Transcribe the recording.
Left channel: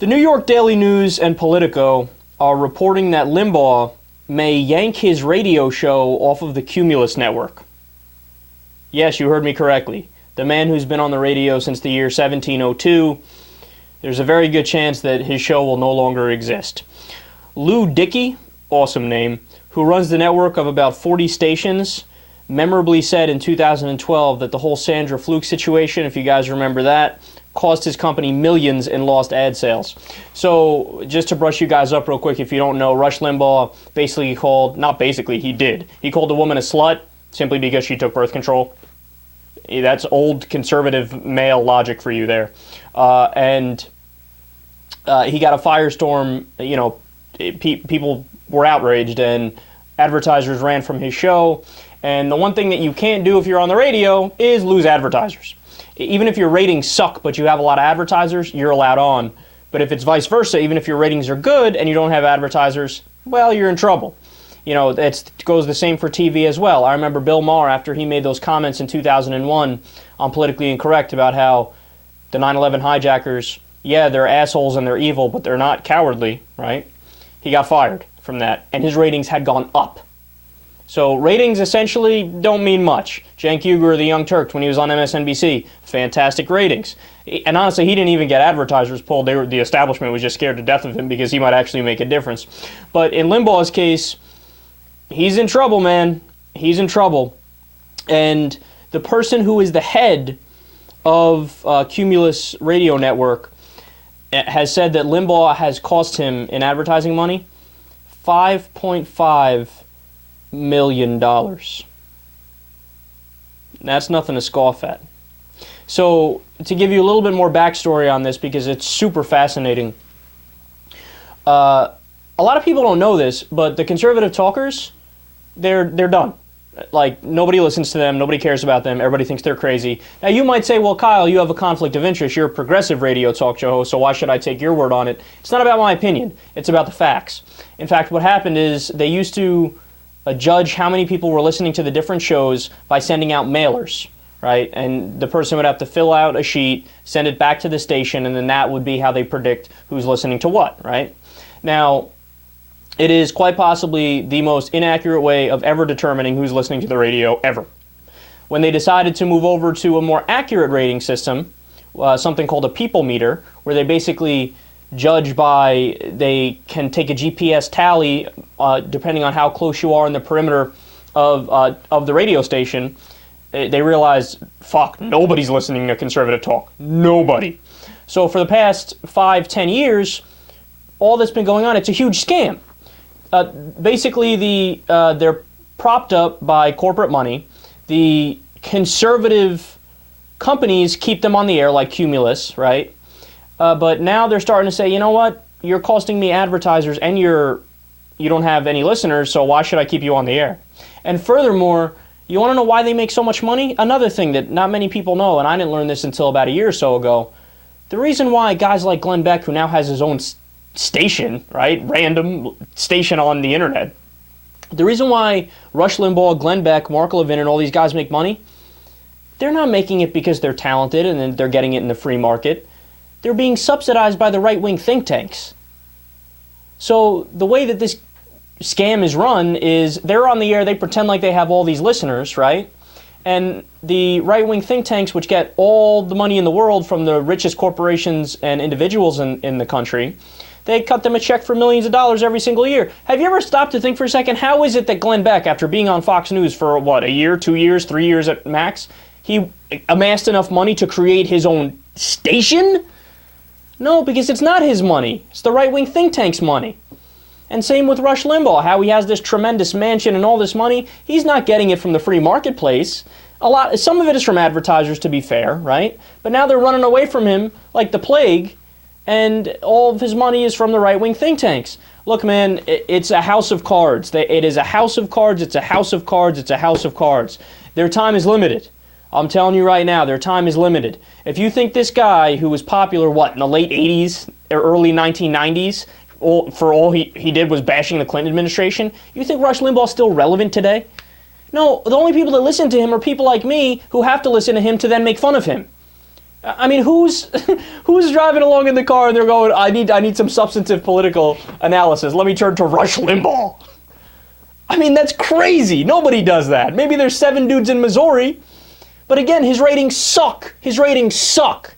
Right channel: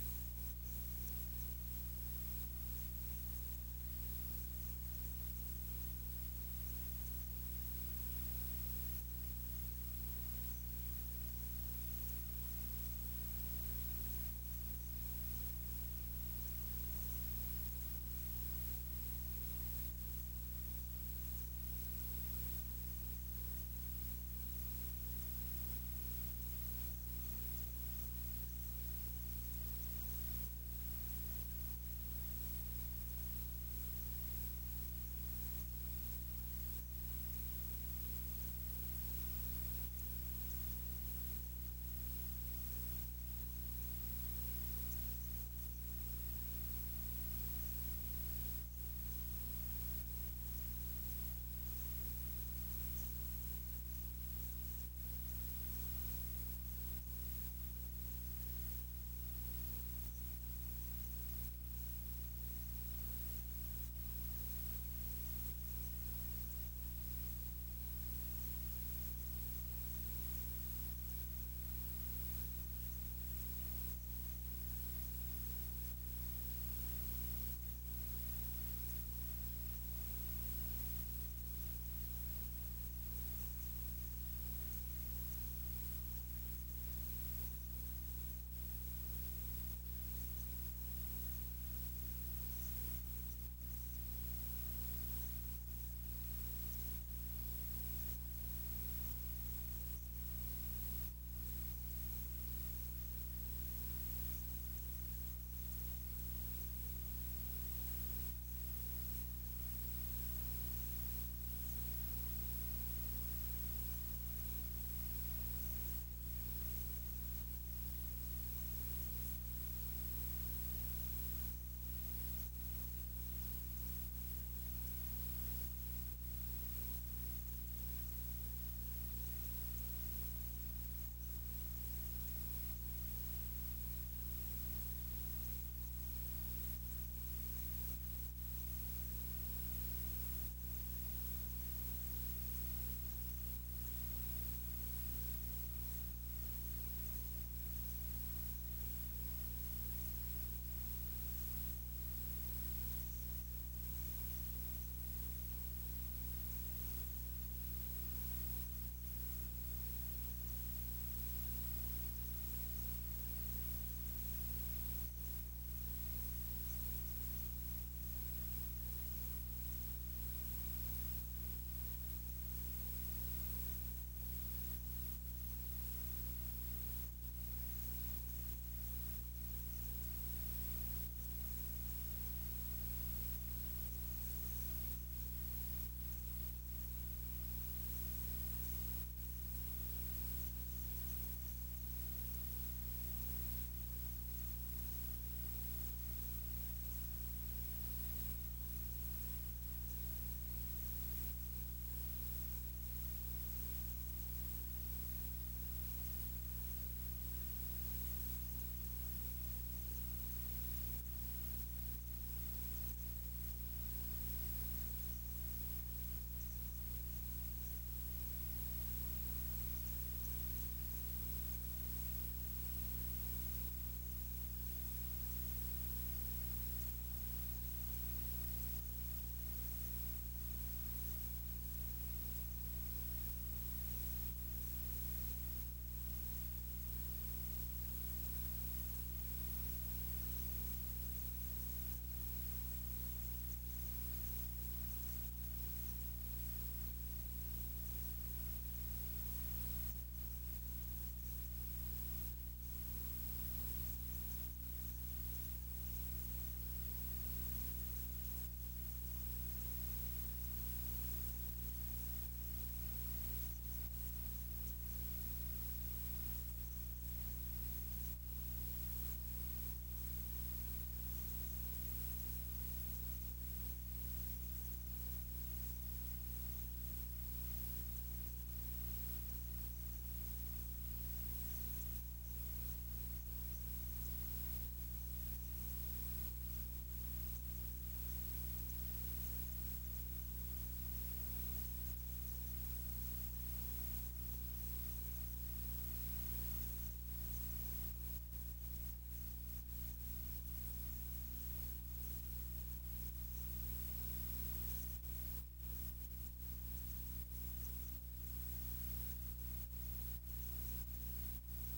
The New York Daily News and Politico are reporting that Limbaugh may yank his radio show off of the Cumulus network. Yes, you heard me correctly. The man who's been on the radio since the year 1702, there's a very good chance that his show will no longer exist. Lew Dickey, awesome name, who runs the network of about 40 stations, memorably said in 2012 that the whole Sandra Fluke situation, if you guys remember that, cost his company millions in lost ad sales. So just to brush you guys up real quick, if you don't know, Rush Limbaugh basically called, not basically, he did. He called a woman a slut simply because she took birth control. That's old conservative male logic for you there. And he got a firestorm, you know, people were outraged and advertisers ran from his show. And the one thing that you can't do if you're on the radio is lose advertisers. Even if your ratings suck but you have a lot of advertisers, you're allowed on. But if it's vice versa, even if your ratings are good and you don't have advertisers, well, you're in trouble. You know, it goes the same for TV as well. I remember Bill Maher, after he made those comments in 2001 on Politically Incorrect about how the 9/11 hijackers, yeah, they're assholes and they're evil, but they're not cowardly, right? He got fired from that, and his ratings had gone up. So ratings essentially don't mean much. Cenk Uygur, the Young Turks, when he was on MSNBC, fantastic ratings. And honestly, he didn't even get advertisers pulled. The establishment was just scared to death of him because he might actually make a difference. But in Limbaugh's case, he's in trouble, man. He's in trouble. And the person who is the head of Cumulus Radio Network has said that Limbaugh has cost him in advertising money $5.5 million. That's nothing to scoff at. So, to give you a little bit more backstory on this, because it's super fascinating, a lot of people don't know this, but the conservative talkers, they're done. Like, nobody listens to them, nobody cares about them, everybody thinks they're crazy. Now, you might say, well, Kyle, you have a conflict of interest, you're a progressive radio talk show host, so why should I take your word on it? It's not about my opinion, it's about the facts. In fact, what happened is they used to judge how many people were listening to the different shows by sending out mailers, right? And the person would have to fill out a sheet, send it back to the station, and then that would be how they predict who's listening to what, right? Now, it is quite possibly the most inaccurate way of ever determining who's listening to the radio ever. When they decided to move over to a more accurate rating system, something called a people meter, where they basically judge by, they can take a GPS tally depending on how close you are in the perimeter of the radio station, they realized, fuck, nobody's listening to conservative talk. Nobody. So for the past 5-10 years, all that's been going on, it's a huge scam. Basically, they're propped up by corporate money. The conservative companies keep them on the air, like Cumulus, right? But now they're starting to say, you know what? You're costing me advertisers and you don't have any listeners, so why should I keep you on the air? And furthermore, you want to know why they make so much money? Another thing that not many people know, and I didn't learn this until about a year or so ago, the reason why guys like Glenn Beck, who now has his own station, right, random station on the internet, the reason why Rush Limbaugh, Glenn Beck, Mark Levin, and all these guys make money, they're not making it because they're talented and then they're getting it in the free market. They're being subsidized by the right-wing think tanks. So the way that this scam is run is they're on the air, they pretend like they have all these listeners, right? And the right-wing think tanks, which get all the money in the world from the richest corporations and individuals in the country, they cut them a check for millions of dollars every single year. Have you ever stopped to think for a second, how is it that Glenn Beck, after being on Fox News for, what, a year, 2 years, 3 years at max, he amassed enough money to create his own station? No, because it's not his money. It's the right-wing think tank's money. And same with Rush Limbaugh, how he has this tremendous mansion and all this money. He's not getting it from the free marketplace. Some of it is from advertisers, to be fair, right? But now they're running away from him like the plague, and all of his money is from the right-wing think tanks. Look, man, it's a house of cards. It is a house of cards, it's a house of cards, it's a house of cards. Their time is limited. I'm telling you right now, their time is limited. If you think this guy who was popular, what, in the late 80s or early 1990s, for all he did was bashing the Clinton administration, you think Rush Limbaugh's still relevant today? No, the only people that listen to him are people like me who have to listen to him to then make fun of him. I mean, who's driving along in the car and they're going, I need some substantive political analysis. Let me turn to Rush Limbaugh. I mean, that's crazy. Nobody does that. Maybe there's 7 dudes in Missouri. But again, his ratings suck. His ratings suck.